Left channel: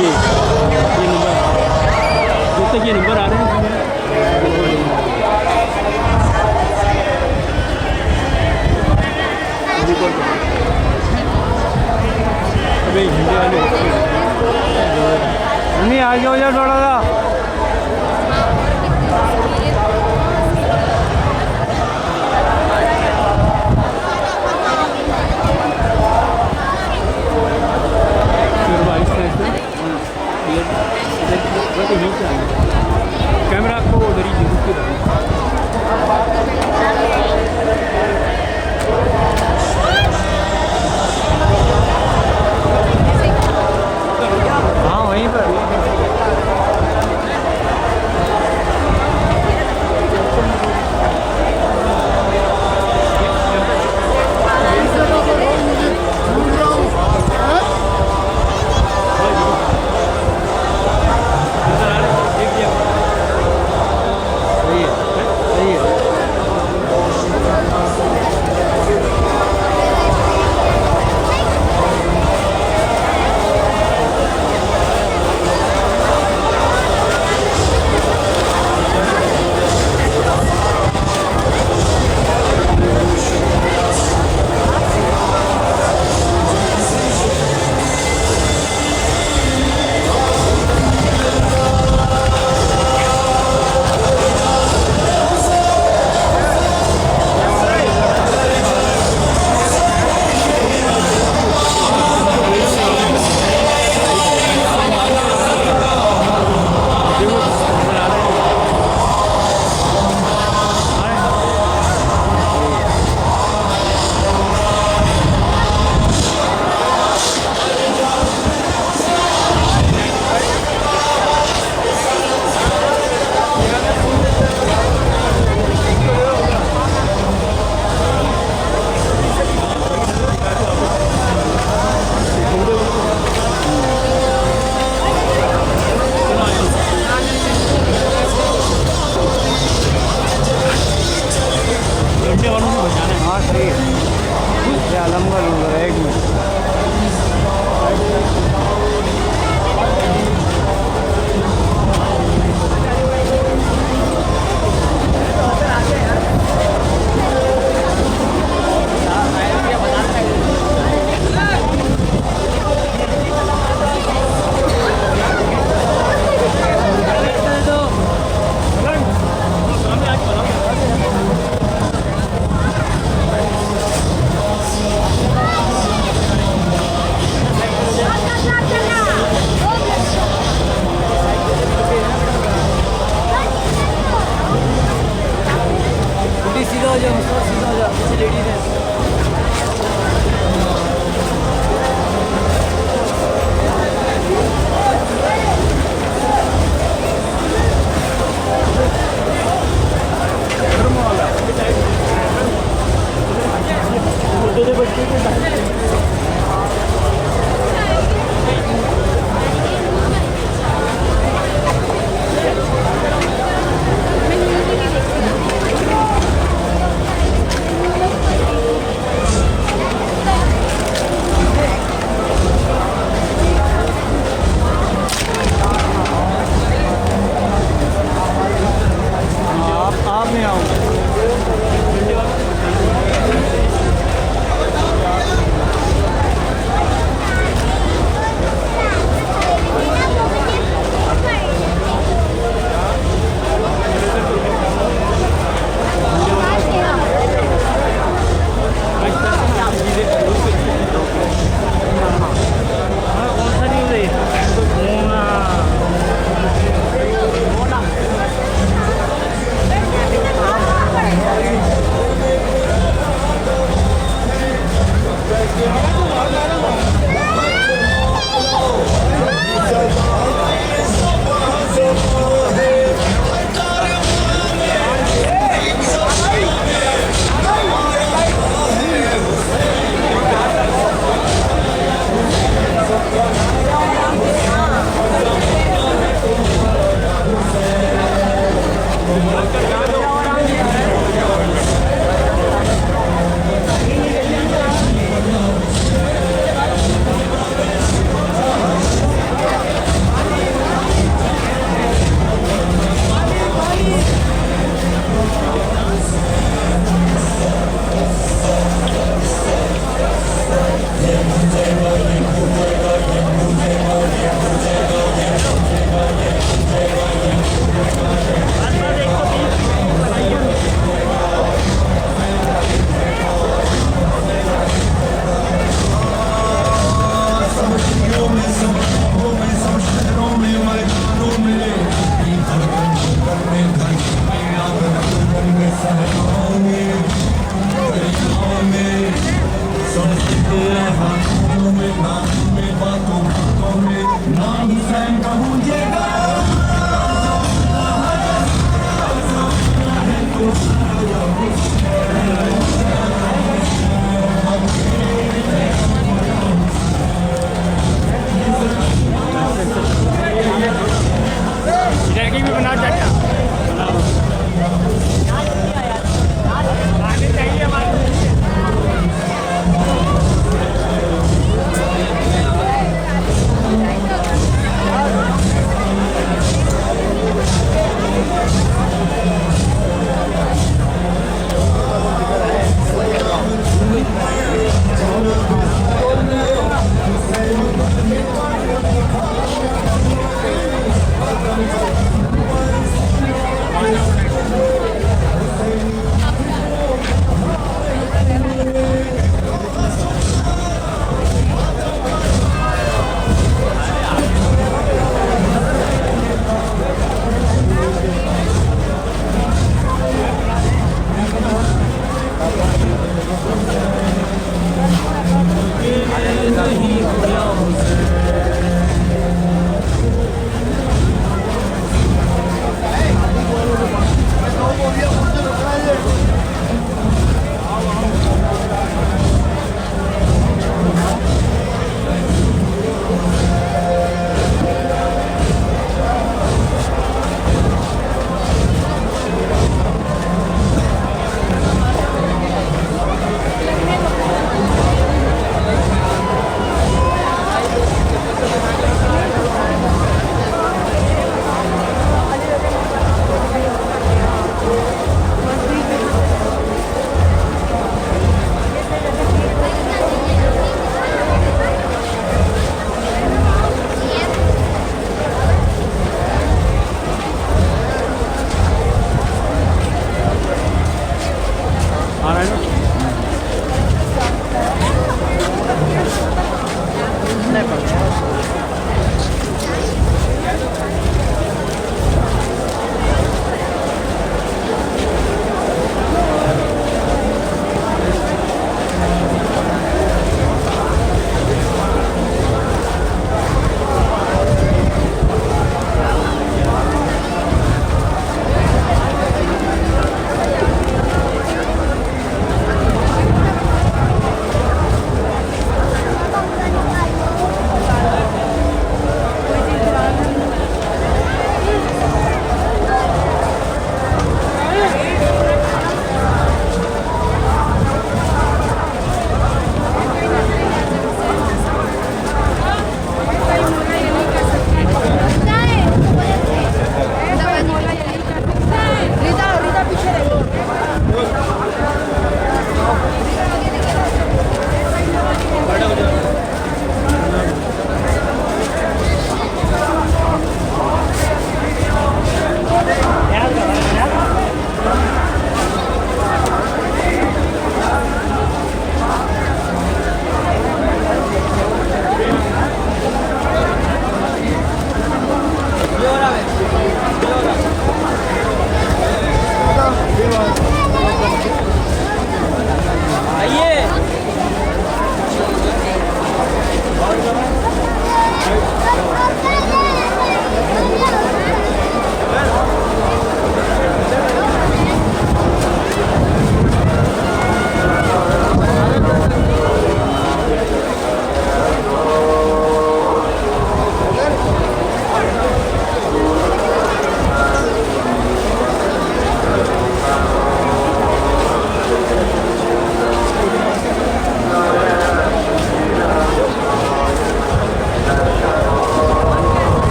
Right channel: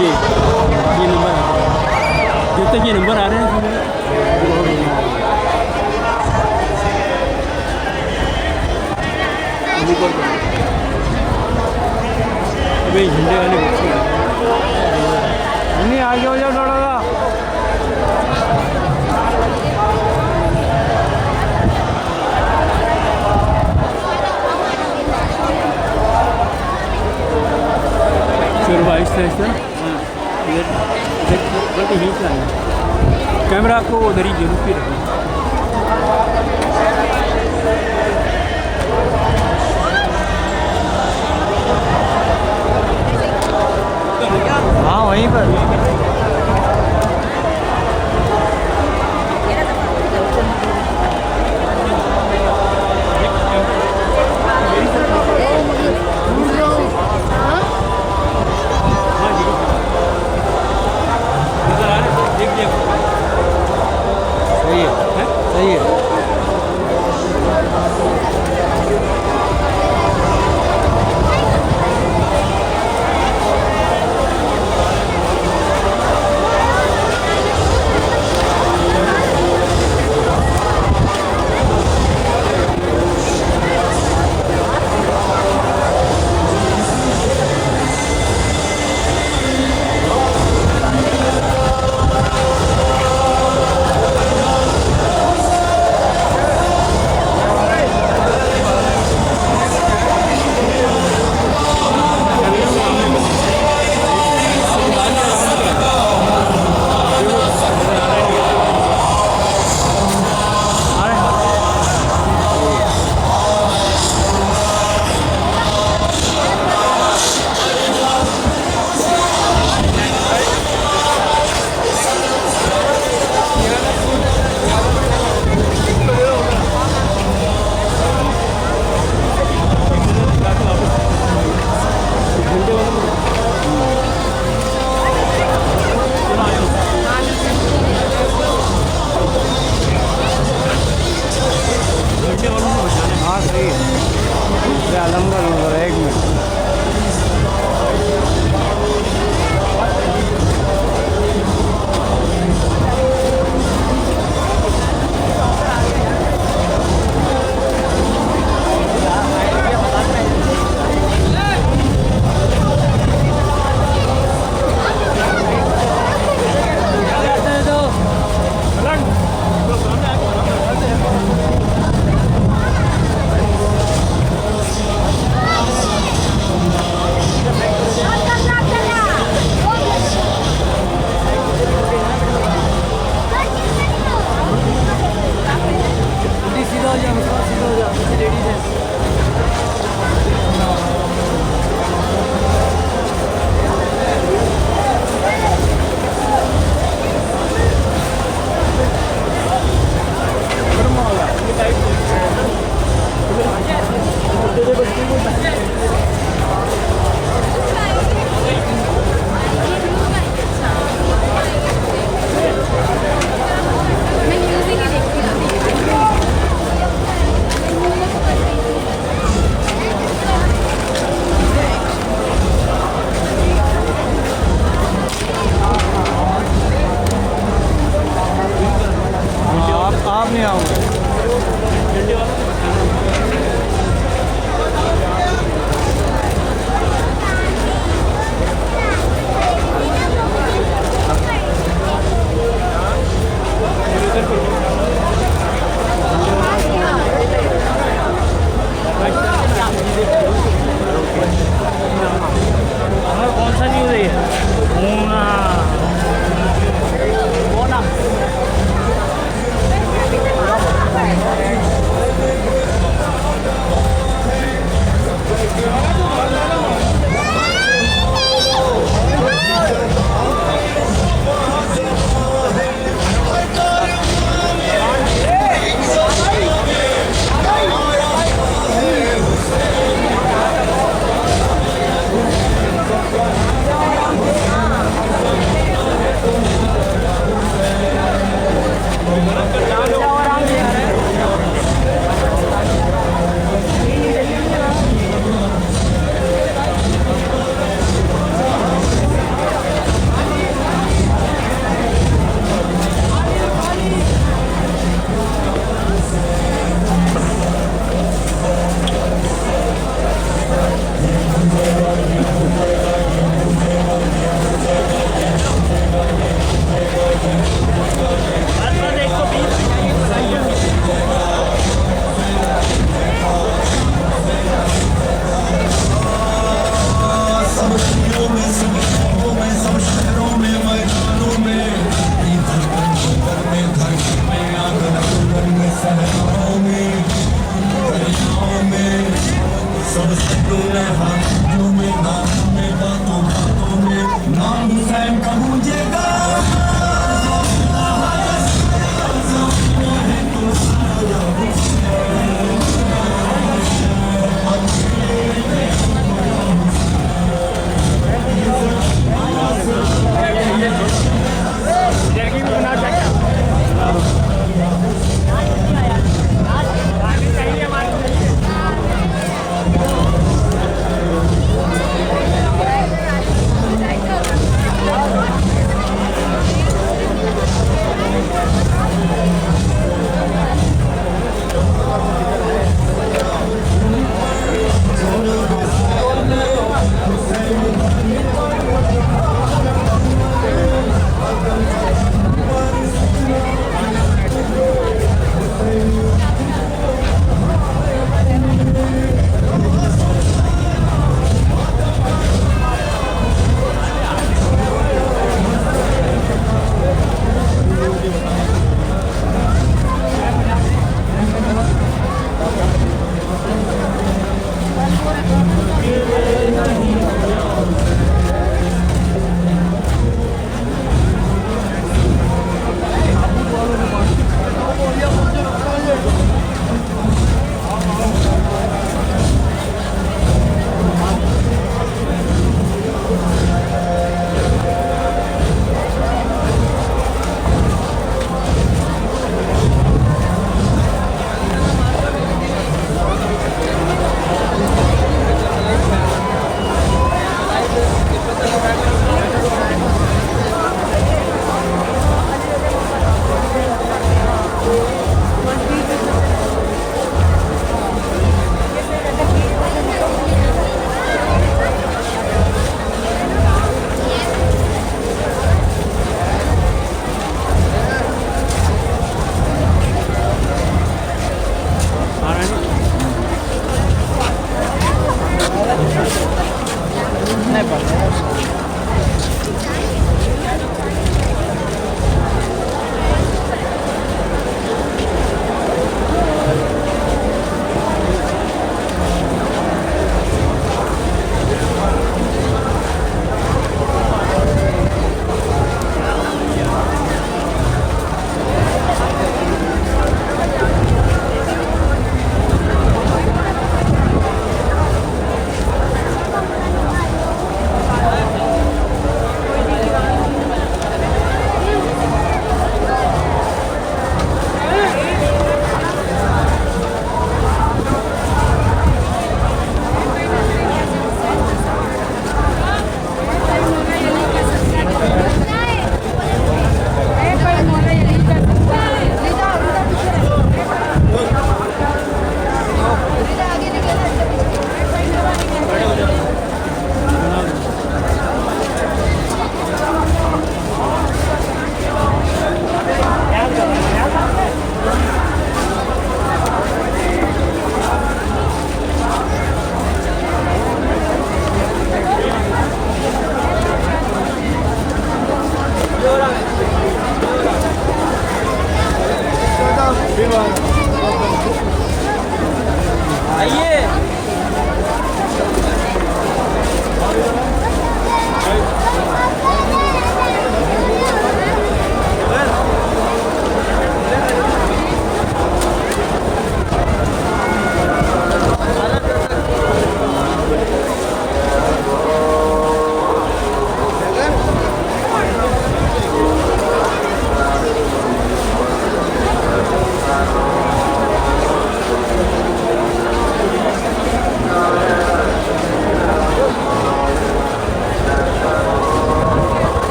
ये नंबर जब तक ये नंबर आ रहे हैं अभी हिंदी वाले नहीं आ जाओ यार थोड़ा सा कैमरा आपको उधर ही जरूर के रखना। हाँ वहीं पर सही है सही है।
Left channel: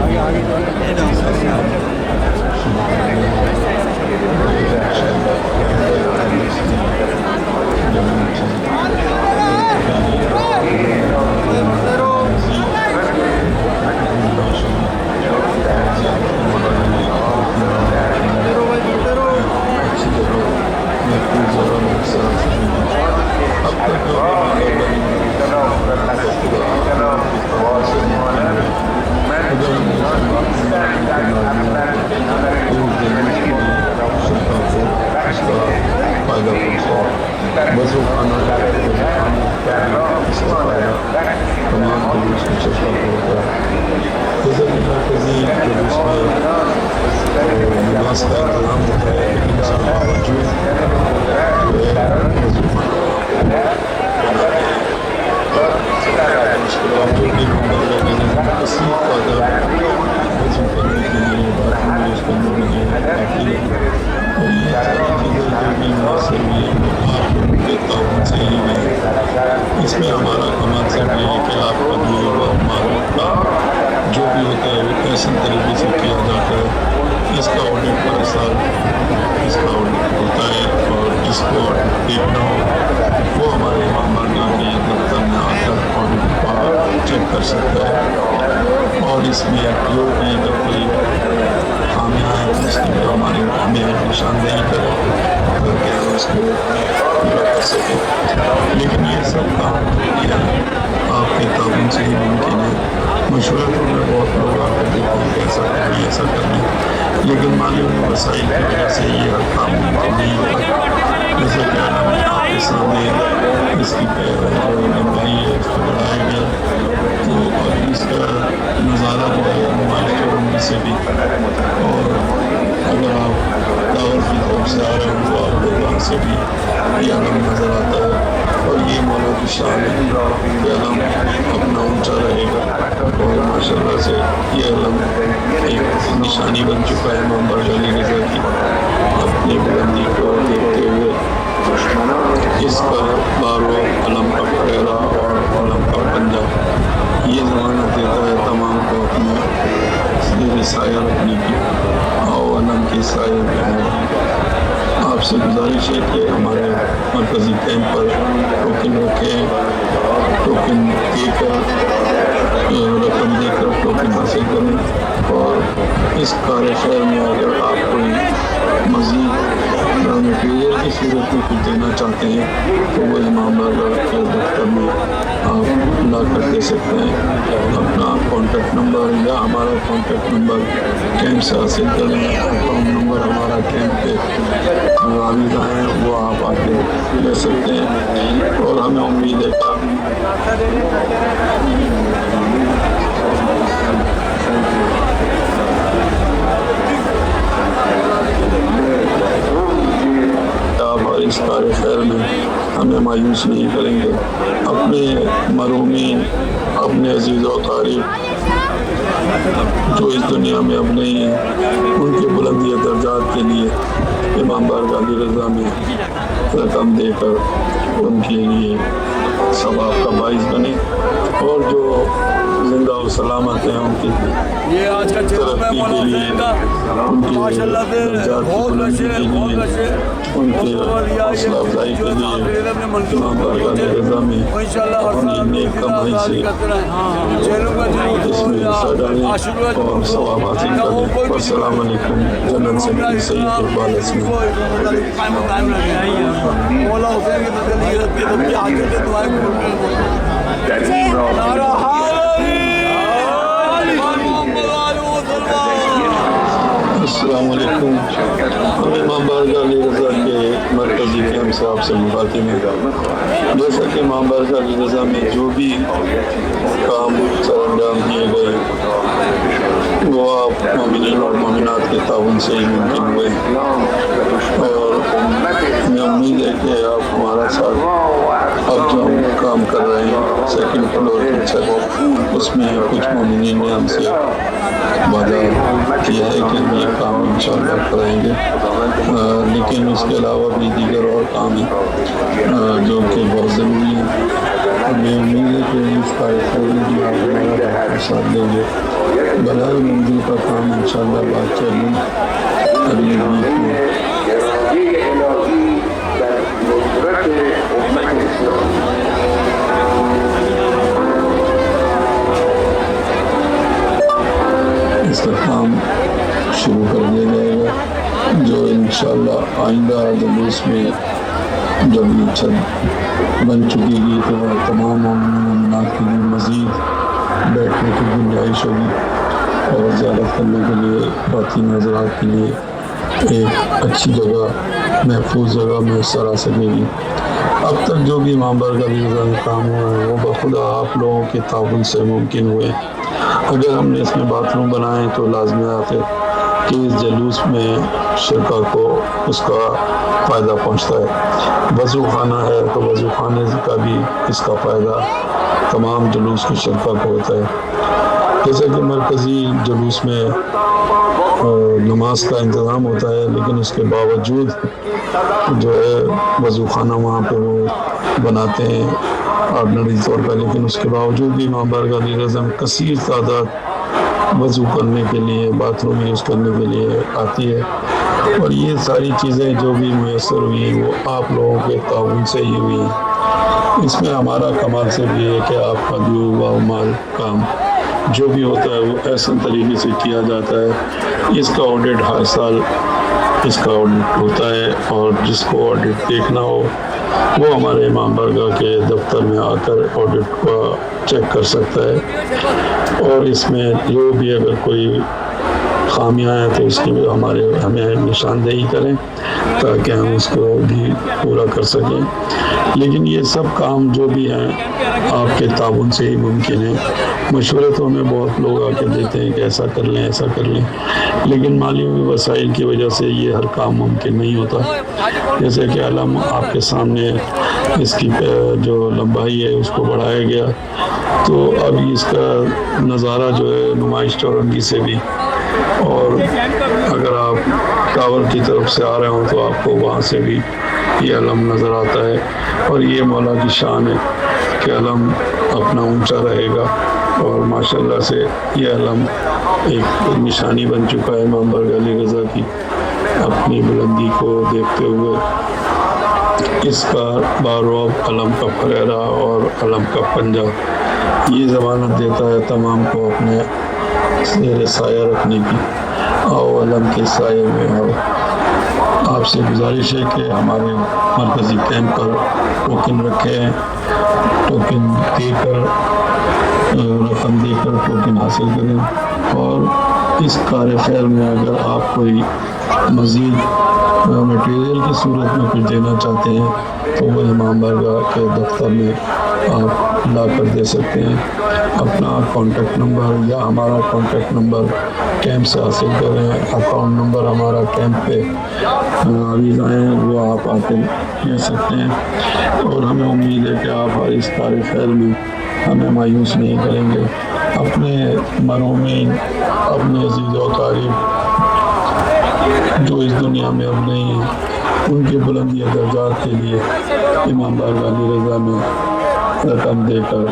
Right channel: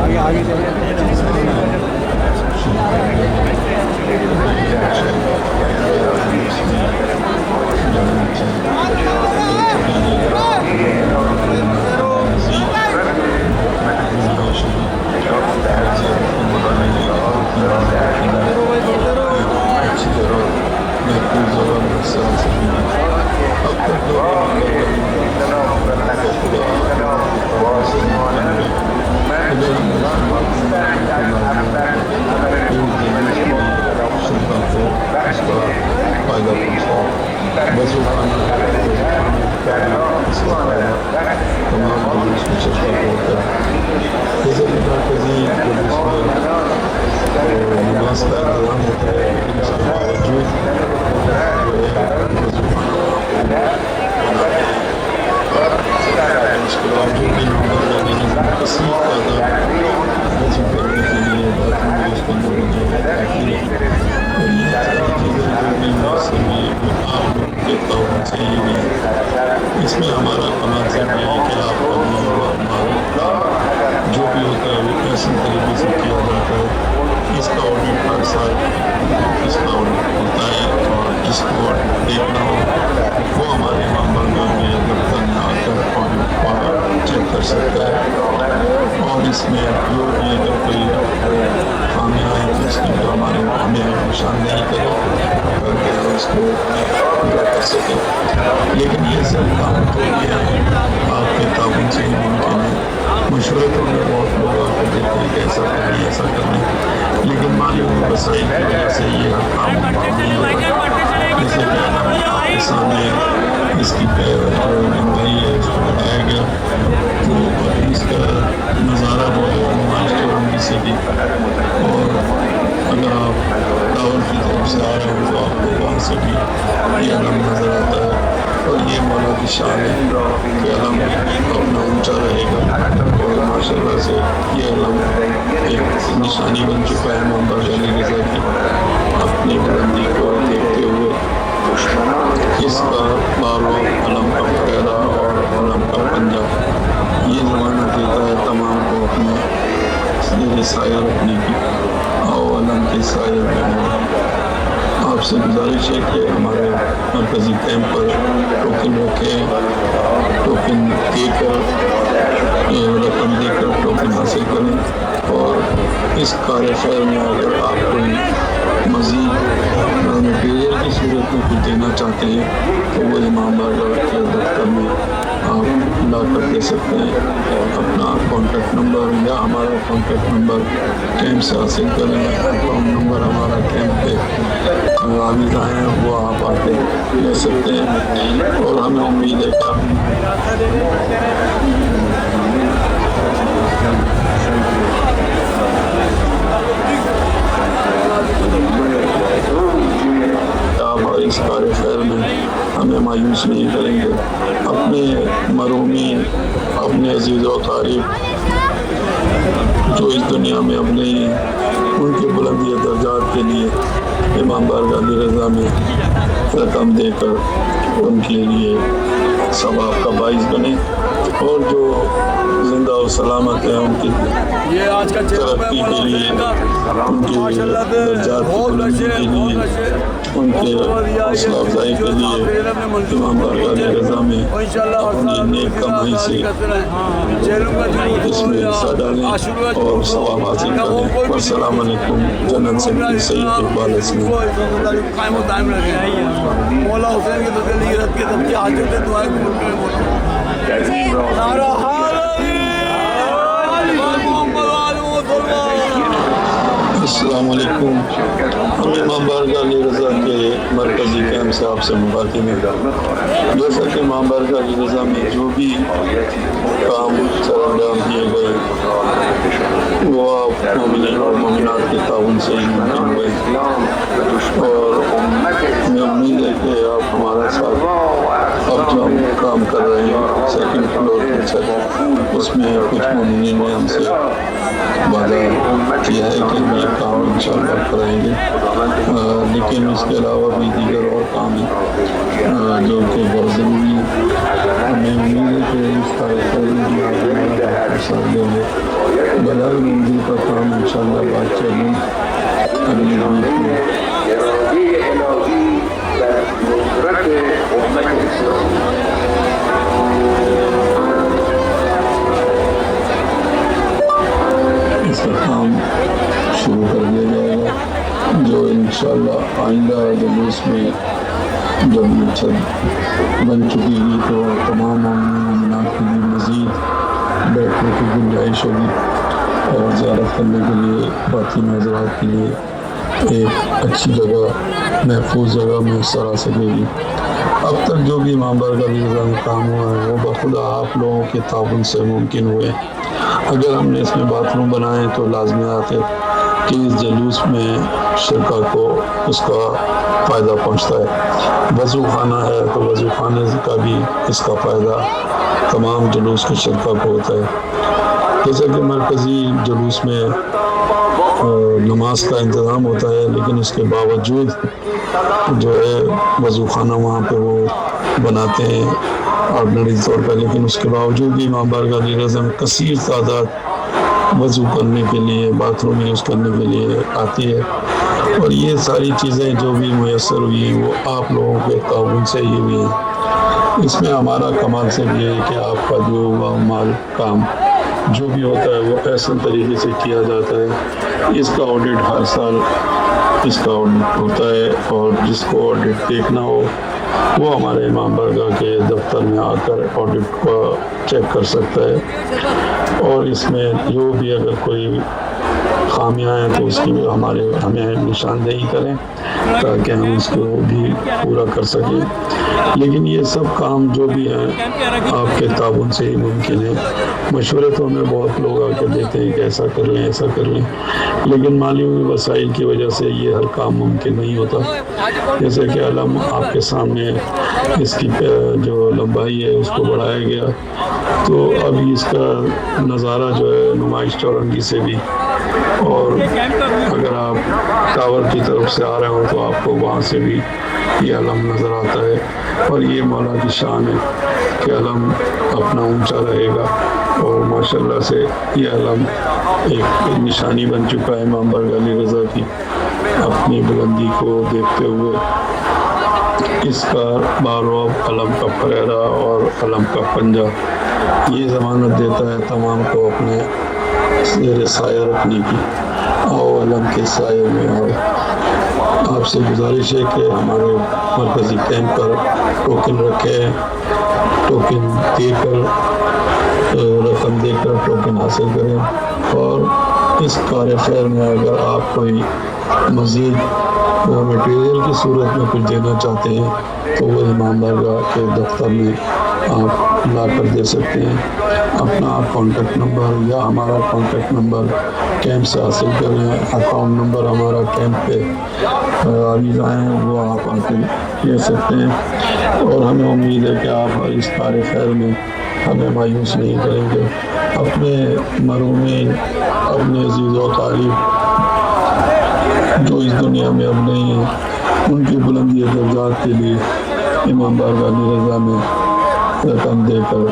आगे आगे लिबास का इंतजाम होता है, लेकिन इसके बावजूद इसमें हमारा मकसद है कि आपका दिया हुआ मामला जो भी होता है वो कैसे तरीके से किया जाता है, इसका ऑडिट हर साल इसका ऑडिट होता है। और जिसको ऑडिट देखना हो वो हमारे मामला दफ्तर में आकर ऑडिट चेक कर सकता है। और इसमें जो भी अगर कोई खामियाँ हैं उसके हमारे हमें निशानदेही करें करके उसको पूरा कर सकें। लेकिन ये सब काम जो किया आपके ताउन से ही मुमकिन है। मशवरतों में बहुत लोग आकर देते हैं कि ऐसा करें ऐसा करें, लेकिन मालूम वसाइल की वजह से ये काम नहीं होता। जैसे कि आपके सामने इसकी बनाई है, उसको बनाया गया तो और इसका नज़ारा जो है नुमाइश चौरंगी से भी, और अगर आप लाहौर की तरफ से आ रहे हो तो आपको वहाँ से भी ये अलम नज़र आता है। और ये मौला की शान है कि अलम अपना ऊँचा रहेगा और माशाल्लाह से ये अलम एक निशानी बन चुका है इमाम बारगाह अली रज़ा की। अपनी बुलंदी को देखते हुए इसका बारो, अलम का फहरा और अलम का पंजा ये ज़माना देता है तमाम को अपने साया रखने की। आओ अलम के साये में आपसे गुजारिश है कि हमारे मरकज़ी कैंप पर टोकन रखें, टोकन देकर रकम देकर टोकन हासिल करें। और इस कार्यशहर में अगर आप कोई मज़ीद मटीरियल की सूरत में कुछ देना चाहते हैं तो वो इमाम बारगाह के दफ्तर में आप ला कर दे सकते हैं। अपना कॉन्टैक्ट नंबर या हमारा कॉन्टैक्ट नंबर कैंप से हासिल करें। अकाउंट नंबर हमारा कैंप पे आविज़ हैं वो आप आके ले सकते हैं। और हमें उम्मीद है कि और इस कार्यशहर में हमें मायूस नहीं करेंगे। अपने मरूमीन, अपने अजीज़ व अक़ारीब जो इस दुनिया में अपने उनके बुलंदी दर्जात के लिए इमाम बारगाह अली रज़ा में रकम देकर उनके लिए सवाब का बाइस बने। और जो जिंदा और सलामत है उनकी ये आज का चेहरा है मौला हुसैन का माशाल्लाह से बहुत अच्छे उनके जो अपने मंजूर और इंशाल्लाह हर साल हम लोग आज़ादी करते रहें। जेलों का जुलूस हो या आशुरा का जुलूस हो या वो कोई भी जुलूस वो में कायम दायम रखे। मौला हुसैन के तजल्ली रख के तब आगे से दुआएं नारा अस्सलामुअलैकुम। इमाम बारगाह अली रज़ा के मरकज़ी कैंप साहब से मुखातिब हैं। जैसा कि इमाम बारगाह अली रज़ा में जो भी काम सरअंजाम किए गए वो आप मोमिनीन और मोमिनात के ताउन से ही मुमकिन हुए। और हमें उम्मीद है कि आप हमारा साथ अब जो हम काम कर रहे हैं सेकंड फ्लोर की छत उसमें कुछ मोमिनीन ने हमसे वादा किया है कि हम ये काम इंशाल्लाह कराएंगे। लेकिन उसके अलावा भी दीगर और काम हैं जो कि बहुत ज़रूरी हैं। हमें उम्मीद है कि इसका साथ देंगे। बलाई मंजिल का काम इंशाल्लाह बात चलें अगली वीक में। इसका काम शुरू कर दिया जाएगा जो इंशाल्लाह आइंदा जुलूस में जब ये छत बन चुकेगी तो तमाम मोमिनात के लिए मज़ीद बैठने की गुंजाइश होगी और ज़ियारत करने के लिए बाकी नज़रात के लिए एक अच्छी जगह महफूज जगह मैसर आ सकेगी। अब तक जो भी इमाम बारगाह का काम हुआ है वो बखुदा आप लोगों के ताउन से मुमकिन हुए। अगर हमने इसमें बाथरूम बनाए तो लाजमियात है कि इस जुलूस में शरका को उसका फ़ायदा पहुँचता है। वज़ू खाना है तो वज़ू खाने का भी इसका फ़ायदा तमाम जुलूस के शरका को होता है। जैसे कि मरकज़ी जुलूस में नमाज का इंतज़ाम होता है लेकिन उसके बावजूद जो है वज़ू खाना वहाँ पर वो बनाते हैं ऑर्डनरी तौर पर, लेकिन उसके बावजूद भी इमाम बारगाह रज़ा में कसीर तादाद वज़ू करने के लिए बाथरूम यूज़ करने के लिए आती है। और ये सारी चीज़ें जो भी मैसर हुई वो आप लोगों के ताउन से ही हुई हैं। इसमें हमारा कमाल सिर्फ ये है कि आपका दिया हुआ माल काम जो भी होता है वो ऐसे तरीके से किया जाता है। इसका ऑडिट हर साल इसका ऑडिट होता है और जिसको ऑडिट देखना हो वो हमारे इमाम बारगाह के दफ्तर में आकर ऑडिट को चेक कर सकता है। और इसमें जो भी अगर कोई खामियां हैं तो उसकी हमें निशानदेही करें ताकि हम उसको भी पूरा कर सकें। लेकिन ये सब काम जो भी हैं आपके ताउन से ही मुमकिन है। मशवरे तो हमें बहुत लोग आके देते हैं कि ऐसा कर लें ऐसा कर लें, लेकिन माली वसाइल की वजह से ये हर काम मुमकिन नहीं होता। जैसे कि अलम आपके सामने इसकी जो लंबाई है उसको बढ़ाया गया तो अब इसका नज़ारा जो है नुमाइश चौरंगी से भी, और अगर आप टावर की तरफ से आ रहे हो तो आपको वहाँ से भी ये अलम नज़र आता है। और ये मौला की शान है कि अलम अपना ऊंचा रहेगा और माशाल्लाह से ये अलम एक निशानी बन चुका है इमाम बारगाह रज़ा की। अपनी बुलंदी को देखते हुए इसका बारोब अलम का फरेरा और अलम का पंजा ये ज़मानत देता है तमाम को अपने ज़ेर साया रखने की। आओ अलम के साये में आओ। आपसे गुजारिश है कि हमारे मरकज़ी कैंप पर टोकन रखे हैं, टोकन देकर रकम देकर टोकन हासिल करें। और इस कार खैर में अगर आप कोई मज़ीद मटेरियल की सूरत में कुछ देना चाहते हैं तो वो इमाम बारगाह के दफ्तर में आप ला कर दे सकते हैं। अपना कॉन्टेक्ट नंबर या हमारा कॉन्टेक्ट नंबर कैंप से हासिल करें। अकाउंट नंबर हमारा कैंप पे आवीज़ आए वो आप आकर ले सकते हैं। और हमें उम्मीद है कि आप इस कार खैर में हमें मायूस नहीं करेंगे। अपने मरूमीन अपने अज़ीज़ व तारीफ़ जो इस दुनिया में अब नहीं हैं उनकी बुलंदी दर्जात के लिए इमाम बारगाह रज़ा में रकम देकर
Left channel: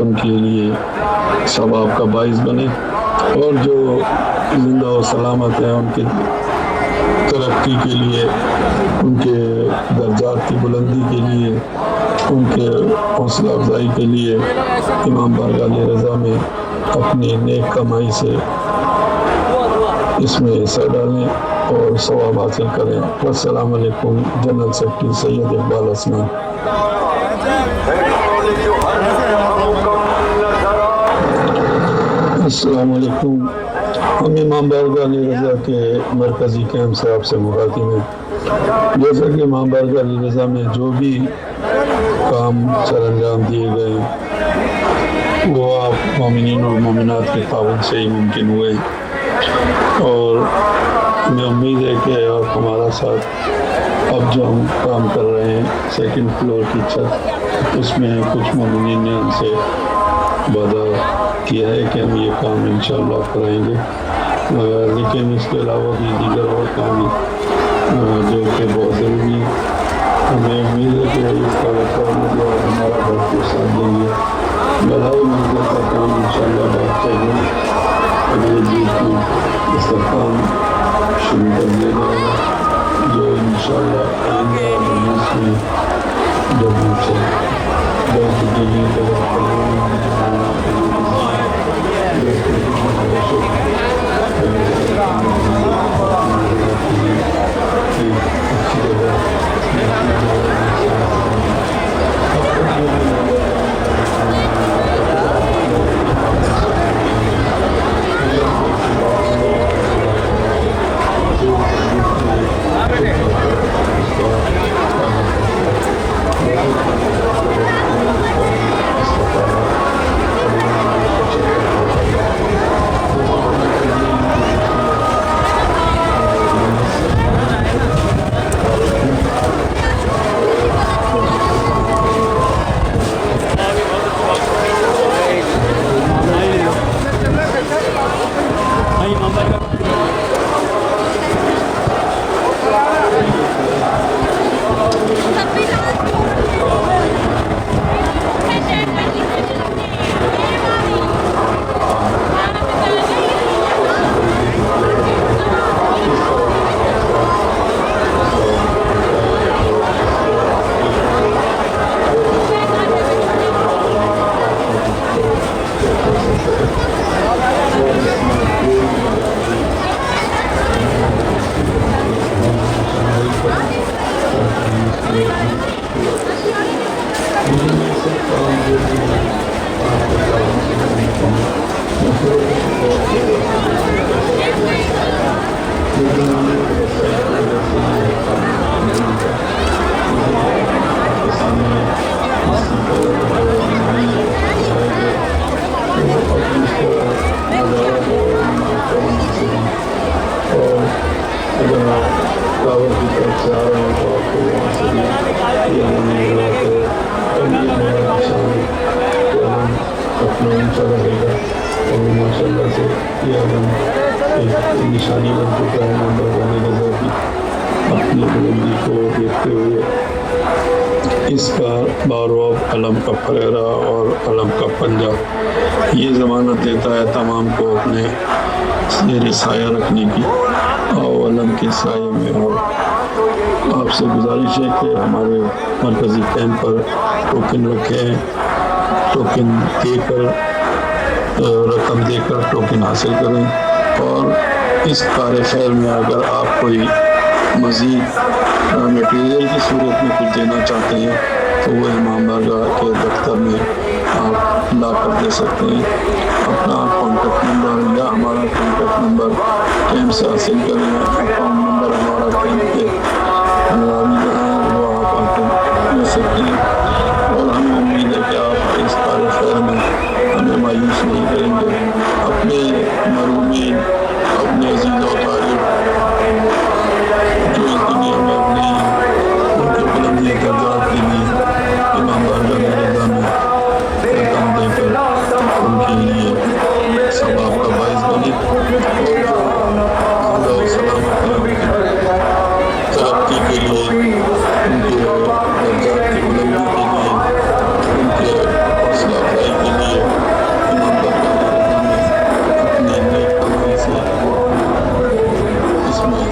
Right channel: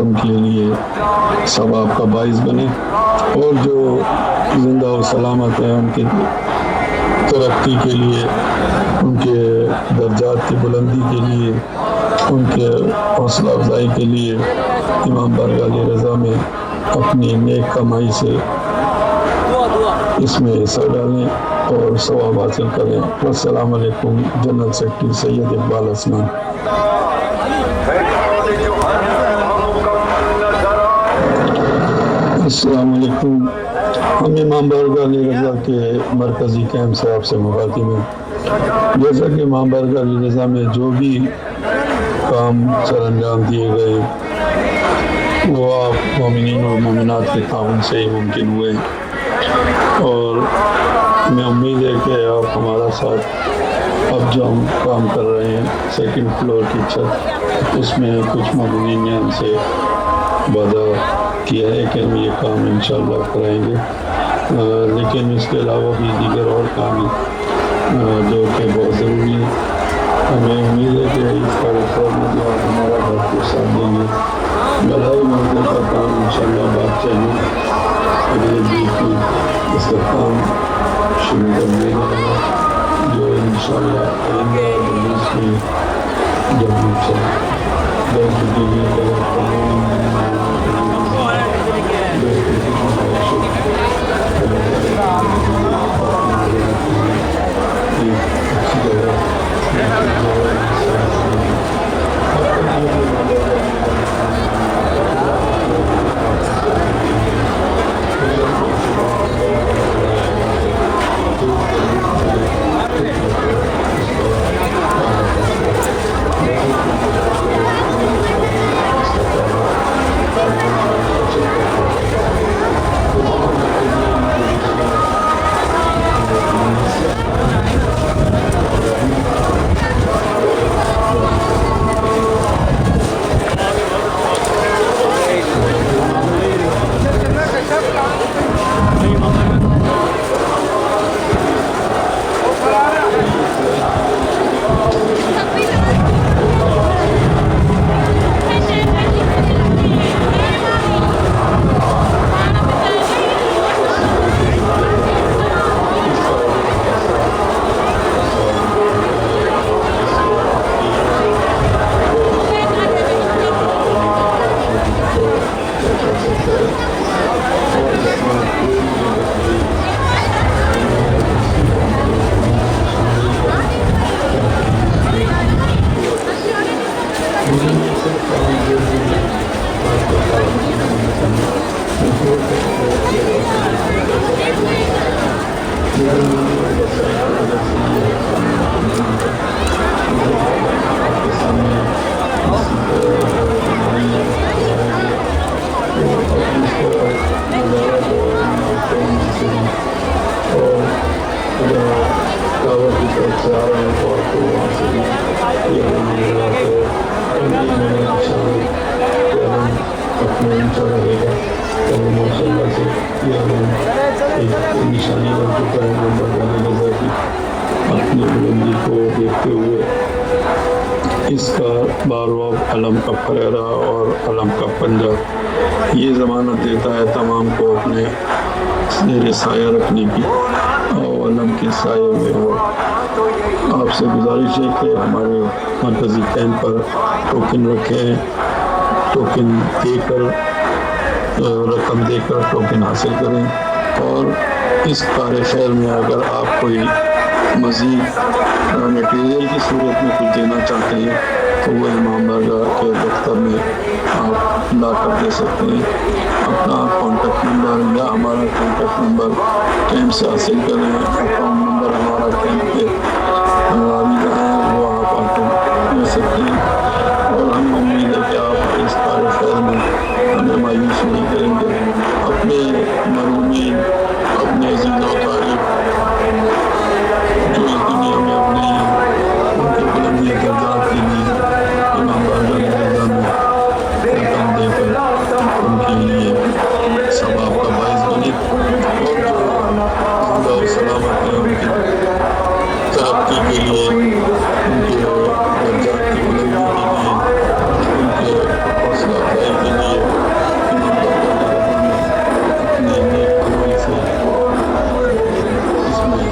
उनके लिए सवाब का बाइस बने। और जो जिंदा और सलामत है उनकी तरक्की के लिए, उनके दर्जात की बुलंदी के लिए, उनके हौसला अफजाई के लिए इमाम बारगाह रज़ा में अपनी नेक कमाई से इसमें हिस्सा डालें और सवाब हासिल करें। अस्सलाम वालेकुम। General secretary Syed Iqbal Hasnain. अस्सलाम वालेकुम। हम इमाम बारगाह रज़ा के मरकज़ी कैंप से आपसे मुखातिब हैं। जैसा कि इमाम बारगाह रज़ा में जो भी काम सरअंजाम दिए गए वो आप मोमिनीन और मोमिनात के ताउन से ही मुमकिन हुए। और मैं उम्मीद है कि आप हमारा साथ अब जो हम काम कर रहे हैं सेकंड फ्लोर की छत उसमें कुछ मोमिनीन ने हमसे वादा किया है कि हम ये काम इंशाअल्लाह कराएंगे। लेकिन इसके अलावा भी दीगर और काम जो कि बहुत ज़रूरी है। हमें उम्मीद है कि इस कार्यक्रम में जो हमारा घर को साथ देंगे। मलाई मंदिर का काम इंशाअल्लाह बात चाहिए अगले दिन की इसका काम शुरू कर दिया जाएगा, जो इंशाअल्लाह आएंगे मजलिस में जब हमसे बहुत निशानी बन चुका है। नंबर गाने लगा कि अपनी बुलंदी को देखते हुए इसका बारोब अलम का फरेरा और अलम का पंजा ये ज़मानत देता है तमाम को अपने जेर साया रखने की और अलम के साये में हो। आपसे गुजारिश है कि हमारे मरकज़ी कैंप पर टोकन रखें, टोकन देकर रकम देकर टोकन हासिल करें। और इस कार्य खैर में अगर आप कोई मज़ीद मटीरियल की सूरत में कुछ देना चाहते हैं तो वो इमाम बारगाह के दफ्तर में आप ला कर दे सकते हैं। अपना कॉन्टेक्ट नंबर या हमारा कॉन्टेक्ट नंबर कैंप से हासिल करें। अकाउंट नंबर हमारा कैंप के अभी जहाँ है वो आप आकर ले सकते हैं। और हमें उम्मीद है कि आप इस कार्य खैर में हमें मायूस नहीं करेंगे। अपने मरूमीन, अपने अजीज़ और तारीफ जो इस दुनिया में अपने उनके बुलंदी दर्जात के लिए रकम देकर उनके लिए सवाब का बाइस बने और जो जिंदा और सलामत है उनकी तरक्की के लिए, उनके दर्जात की बुलंदी के लिए, उनके हौसला अफजाई के लिए अपने नेक अमल से इसमें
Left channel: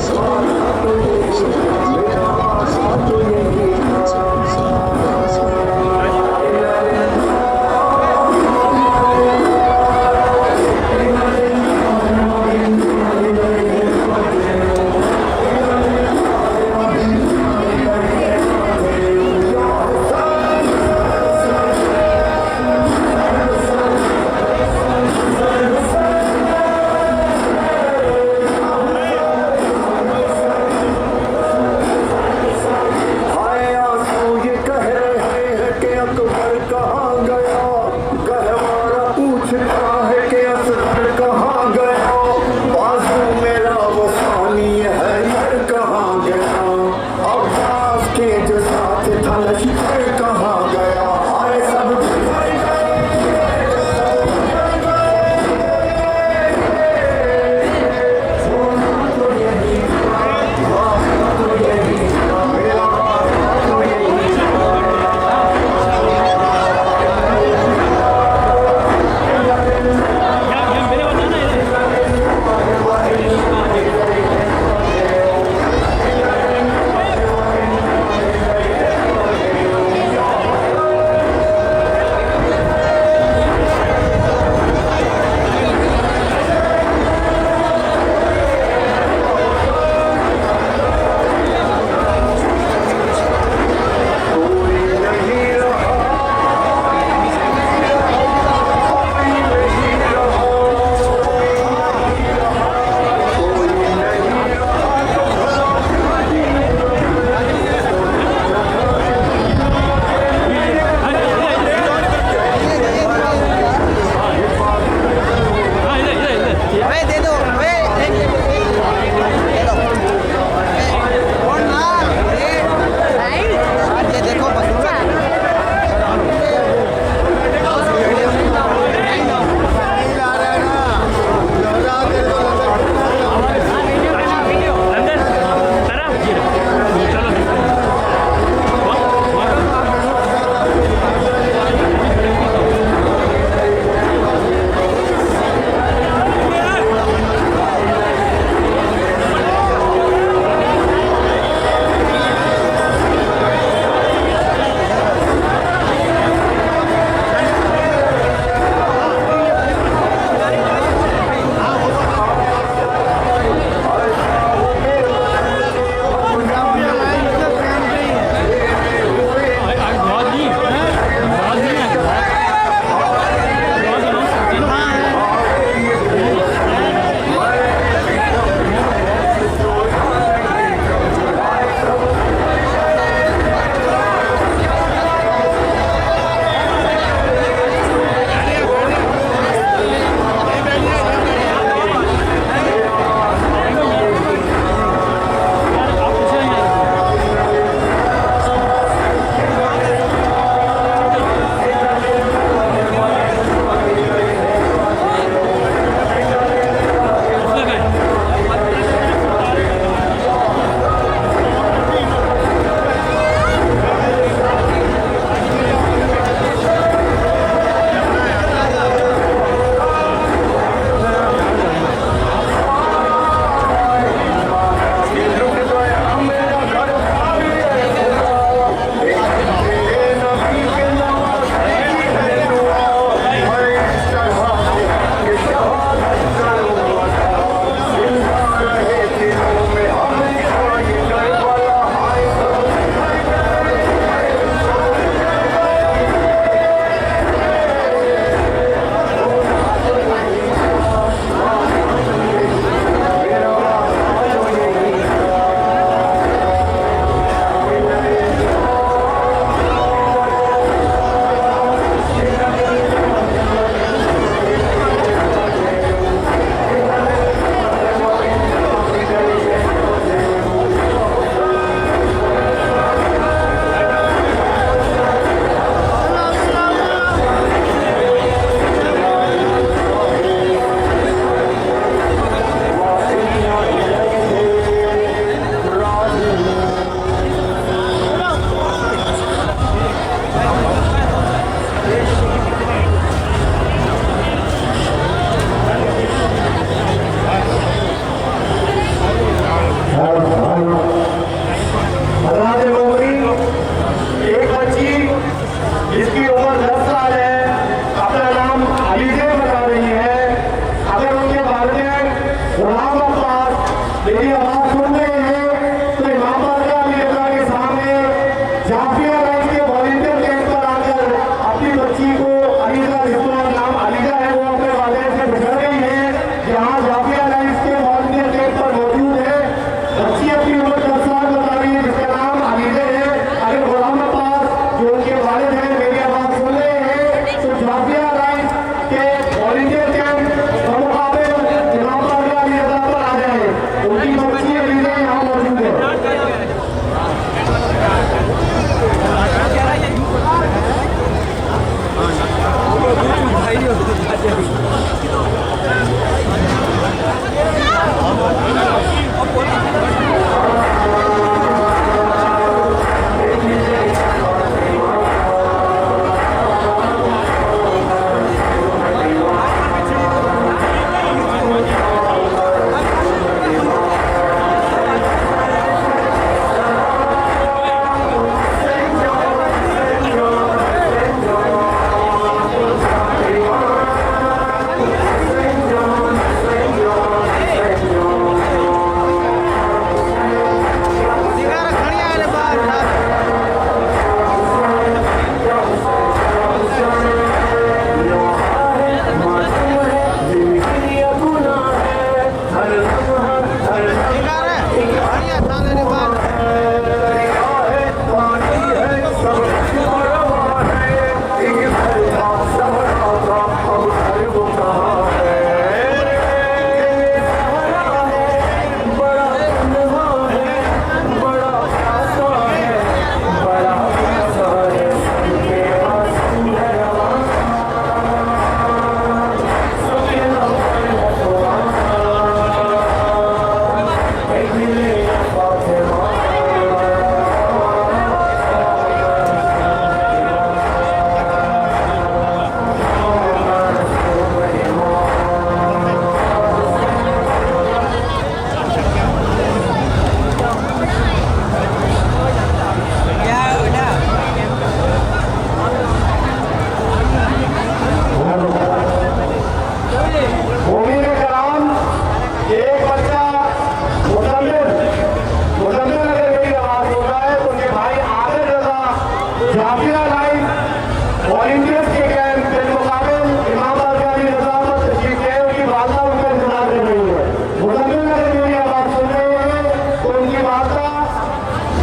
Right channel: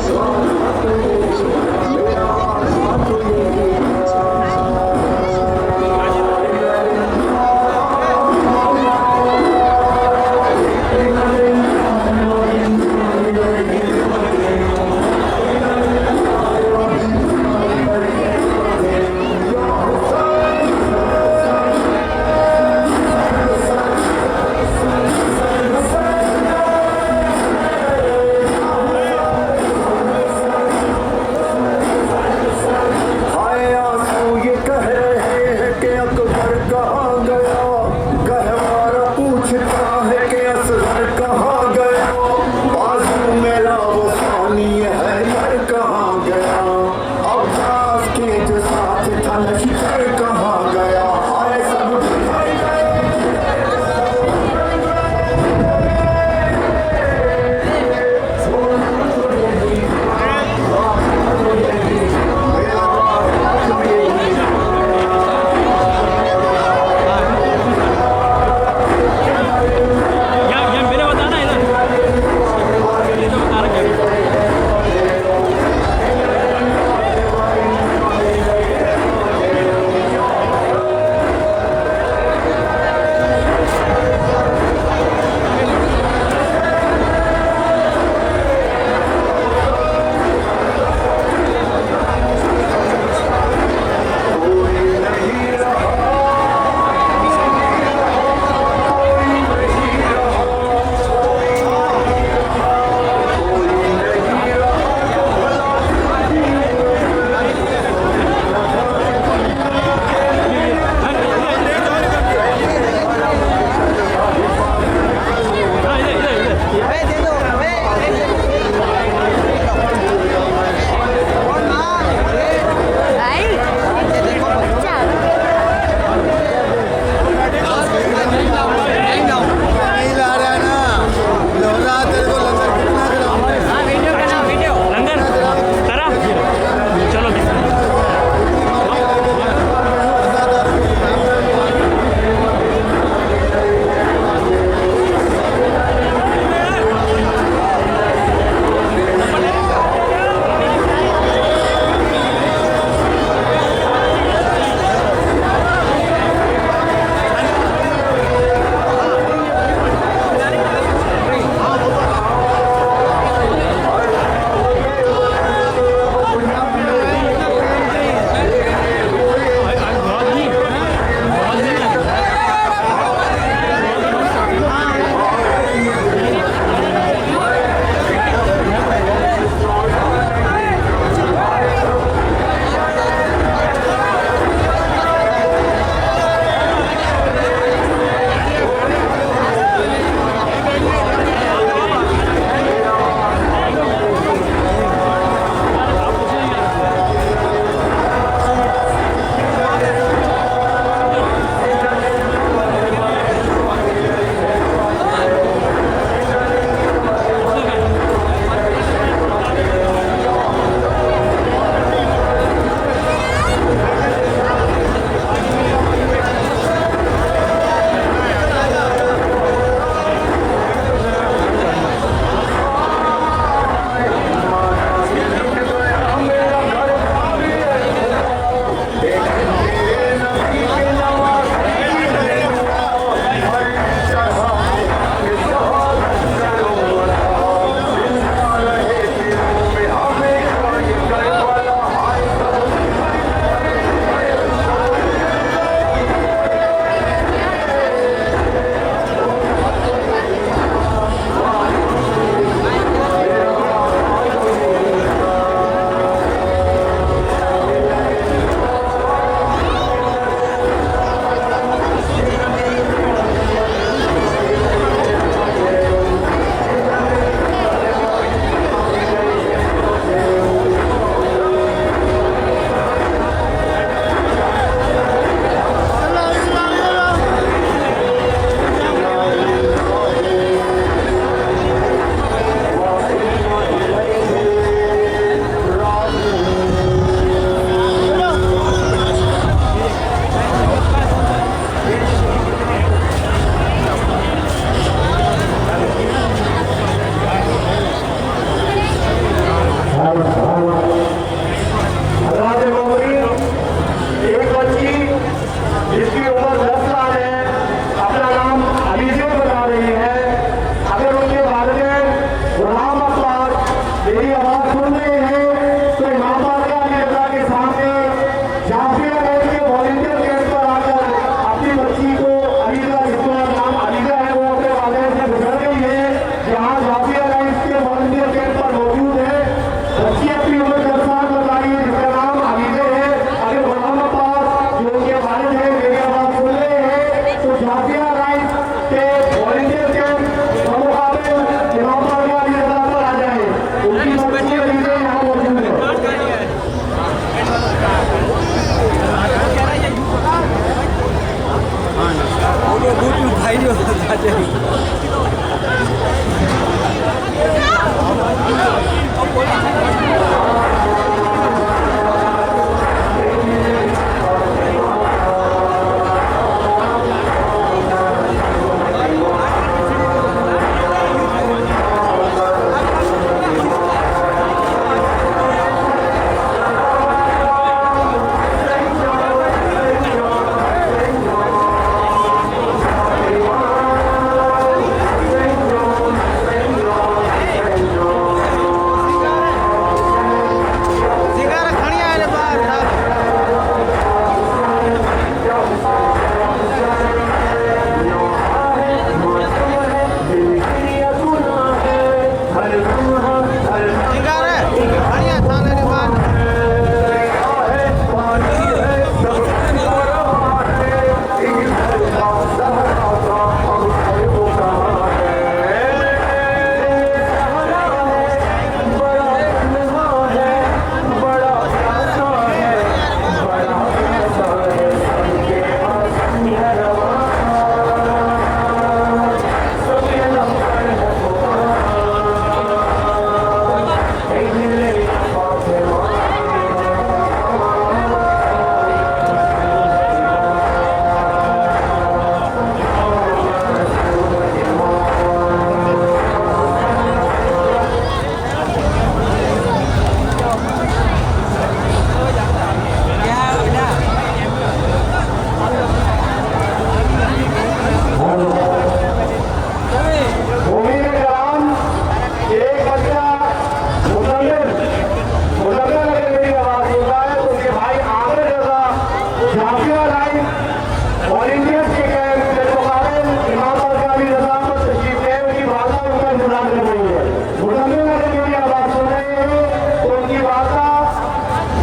वॉलंटियर्स के कैंप बिलमुकाबल इमाम बारगाह रजा पर तशरीफ गए, उनकी वालदा उनका इंतजार कर रही है। मुजम्मिल अगर मेरी आवाज़ सुन रहे हैं तो उनकी वालदा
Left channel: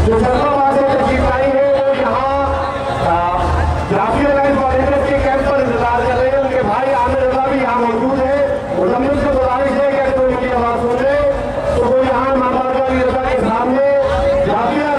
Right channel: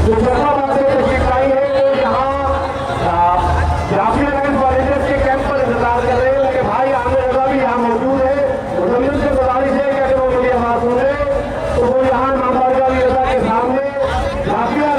जो फैसलाबाद से तशरीफ लाई है वो यहाँ जाफिया लाइन वॉलंटियर्स के कैंप पर इंतजार कर रहे हैं। उनके भाई आमिर रजा भी यहाँ मौजूद है। मुजम्मिल से गुजारिश है कि अगर वो मेरी आवाज़ सुन रहे तो वो यहाँ इमाम बारगाह रजा के सामने जाफिया